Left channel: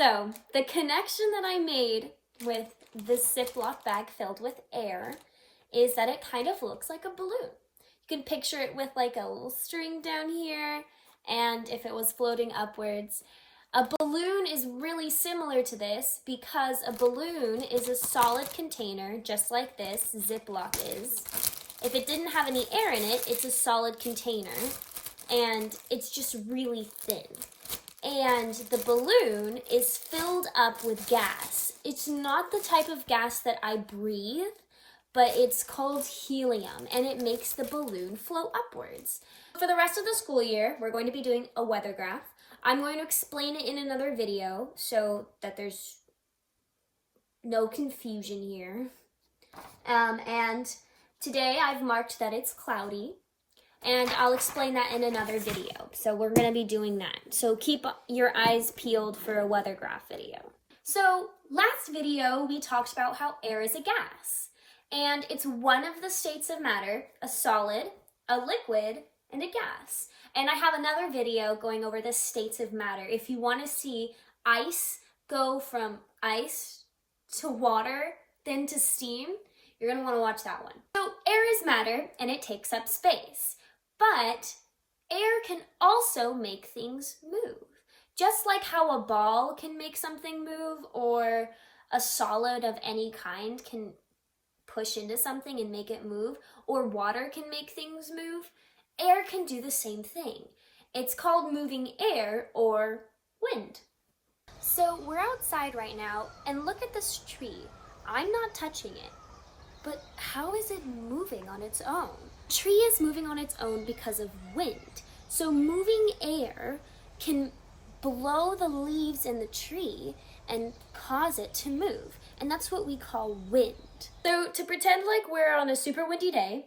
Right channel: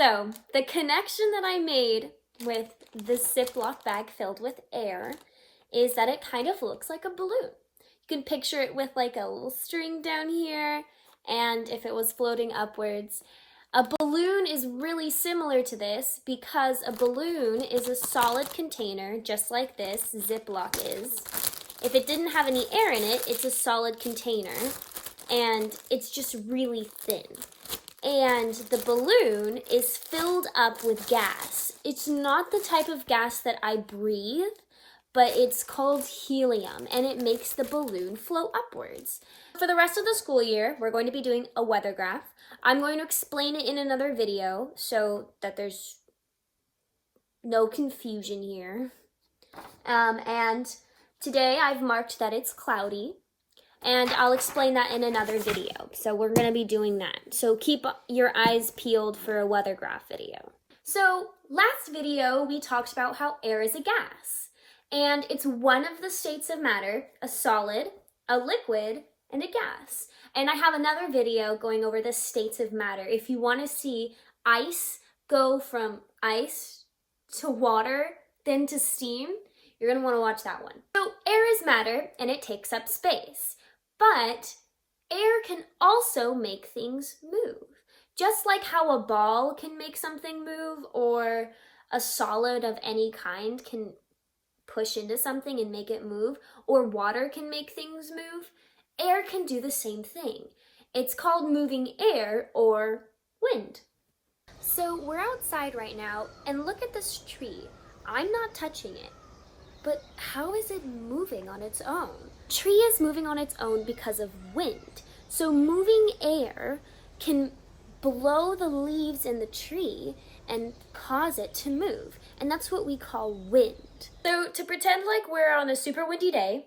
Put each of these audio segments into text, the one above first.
So the connection that I made with this Ziploc bag filled with air is that it kind of looks like a balloon. You can picture it with like a little string down here, and if it was floating upwards. A balloon is really similar to this because a balloon is a solid container, just like this Ziploc is. If it didn't have any air in it, it's a solid container, and it's just really thin. And the balloon is filled up with gas. It's not the type of gas that I breathe, but it's called helium, and it makes the balloon float upwards. For the rest of the school year, we're going to be doing a weather graph. I'm going to explain it in another video so that there's no confusion here. And today I've marked that it's cloudy, and I'll explain that in another video. So we're going to be doing that. So keep your eyes peeled for a weather graph video. So last video we talked about how air is a gas, and it's one of the states of matter: a solid, a liquid, and a gas. And I have another video going over the states of matter. If you want to see ice go from ice to water, then to steam, you're going to want to watch that one. So air is matter, and it takes up space. But air can also make things move. Just like how a ball can make something move, or a solid of any kind can push into something and make it move, or water can make things move, air can do the same thing. It's called moving air, or wind. So we're outside right now, and look at this tree. I'm not touching it, but how is it moving on its own? Tree is moving on its own because of wind. So moving air can blow the leaves in the tree and cause it to move, and that's what we call wind. So to pretend like we're on a super windy day,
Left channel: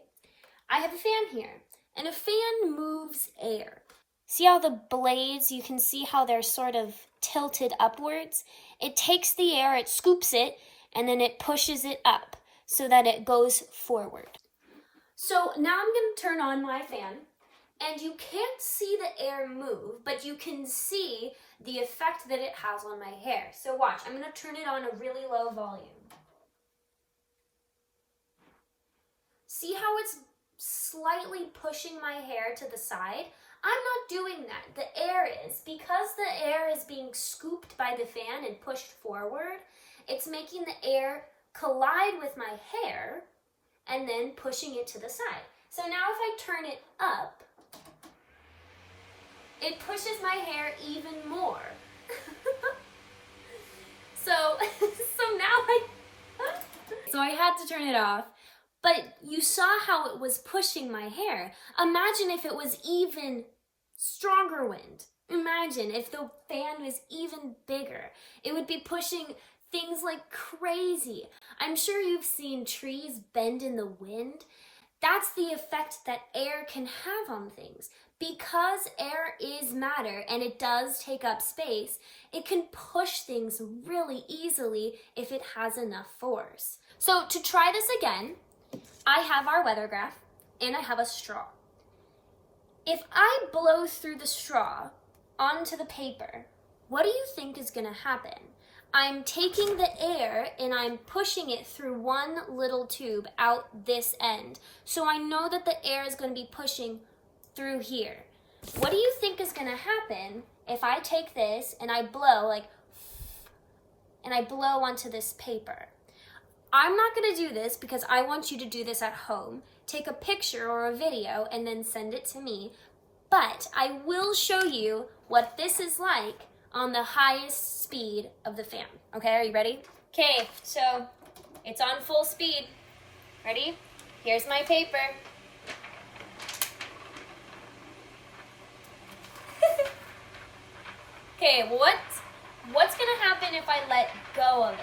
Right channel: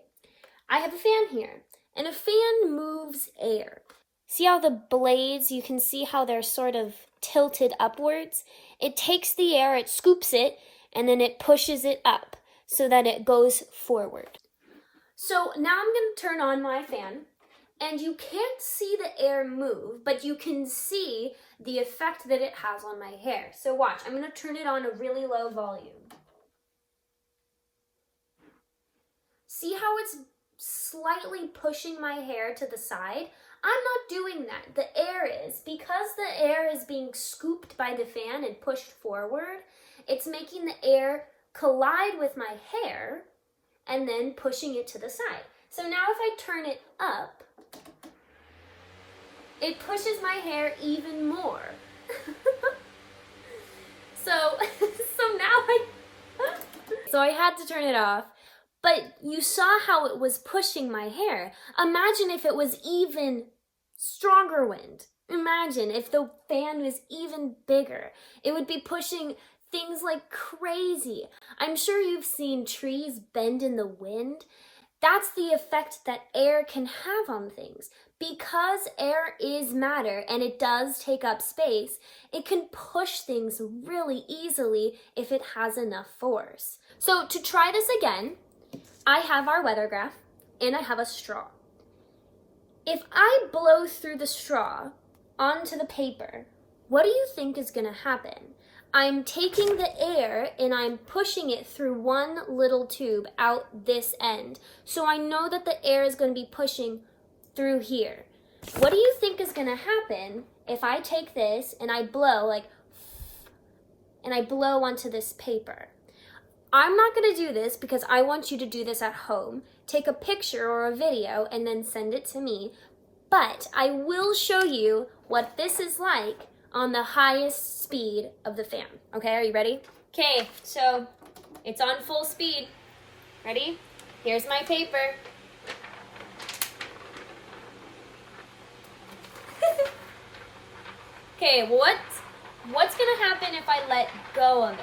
I have a fan here. And a fan moves air. See how the blades, you can see how they're sort of tilted upwards? It takes the air, it scoops it, and then it pushes it up so that it goes forward. So now I'm going to turn on my fan, and you can't see the air move, but you can see the effect that it has on my hair. So watch, I'm going to turn it on a really low volume. See how it's slightly pushing my hair to the side? I'm not doing that. The air is. Because the air is being scooped by the fan and pushed forward, it's making the air collide with my hair and then pushing it to the side. So now if I turn it up, it pushes my hair even more. So I had to turn it off. But you saw how it was pushing my hair. Imagine if it was even stronger wind. Imagine if the fan was even bigger. It would be pushing things like crazy. I'm sure you've seen trees bend in the wind. That's the effect that air can have on things. Because air is matter and it does take up space, it can push things really easily if it has enough force. So to try this again, I have our weather graph, and I have a straw. If I blow through the straw onto the paper, what do you think is going to happen? I'm taking the air and I'm pushing it through one little tube out this end. So I know that the air is going to be pushing through here. What do you think is going to happen if I take this and I blow, and I blow onto this paper? I'm not going to do this because I want you to do this at home. Take a picture or a video and then send it to me. But I will show you what this is like on the highest speed of the fan. Okay, are you ready? Okay, so it's on full speed. Ready? Here's my paper. Okay, what's going to happen if I let go of it?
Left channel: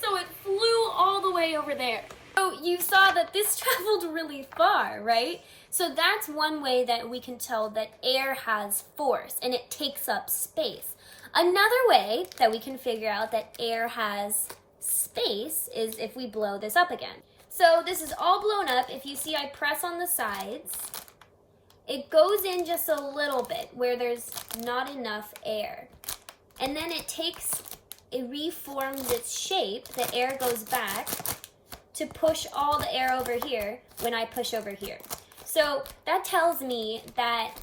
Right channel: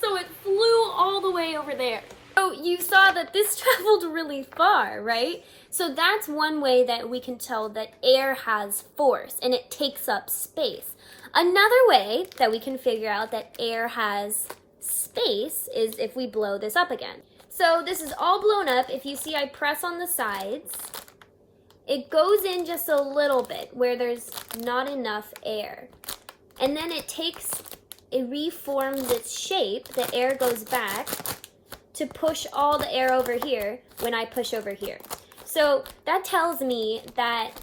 So it flew all the way over there. So you saw that this traveled really far, right? So that's one way that we can tell that air has force and it takes up space. Another way that we can figure out that air has space is if we blow this up again. So this is all blown up. If you see, I press on the sides it goes in just a little bit where there's not enough air. And then it reforms its shape, the air goes back to push all the air over here when I push over here. So that tells me that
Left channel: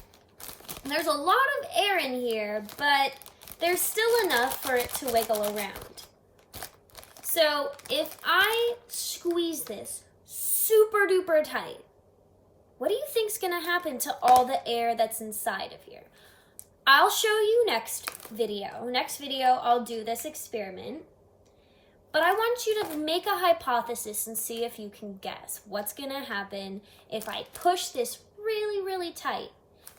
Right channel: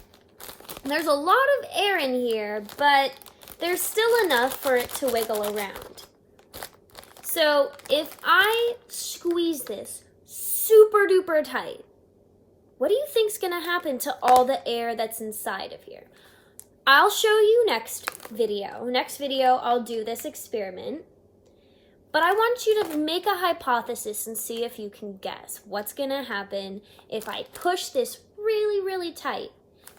there's a lot of air in here, but there's still enough for it to wiggle around. So if I squeeze this super duper tight, what do you think's gonna happen to all the air that's inside of here? I'll show you next video. Next video, I'll do this experiment. But I want you to make a hypothesis and see if you can guess what's gonna happen if I push this really, really tight.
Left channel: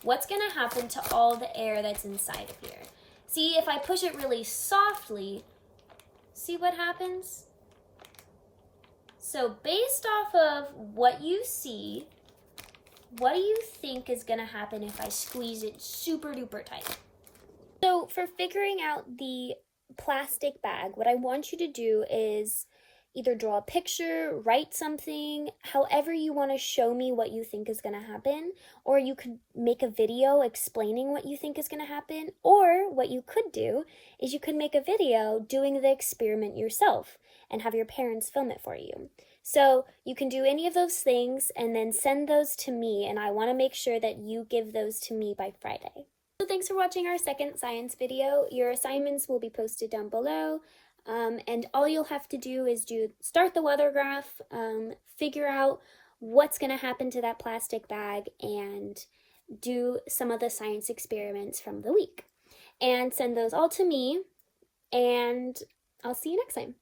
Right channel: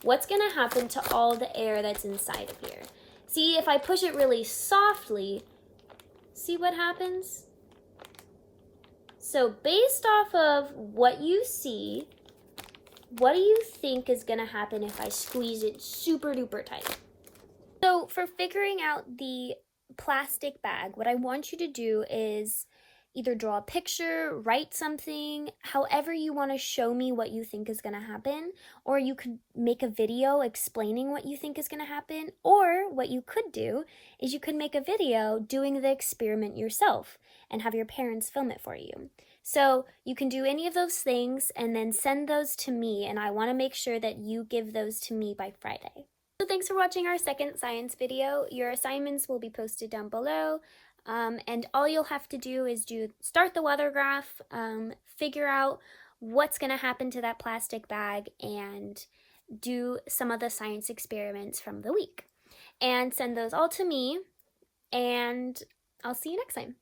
What's gonna happen to all the air that's inside of here? See, if I push it really softly, see what happens? So based off of what you see, what do you think is gonna happen if I squeeze it super duper tight? So for figuring out the plastic bag, what I want you to do is either draw a picture, write something, however you want to show me what you think is going to happen, or you could make a video explaining what you think is going to happen, or what you could do is you could make a video doing the experiment yourself and have your parents film it for you. So you can do any of those things and then send those to me, and I want to make sure that you give those to me by Friday. So thanks for watching our second science video. Your assignments will be posted down below. And all you'll have to do is start the weather graph, figure out what's going to happen to that plastic bag, and do some of the science experiments from the week. And send those all to me, and I'll see you next time.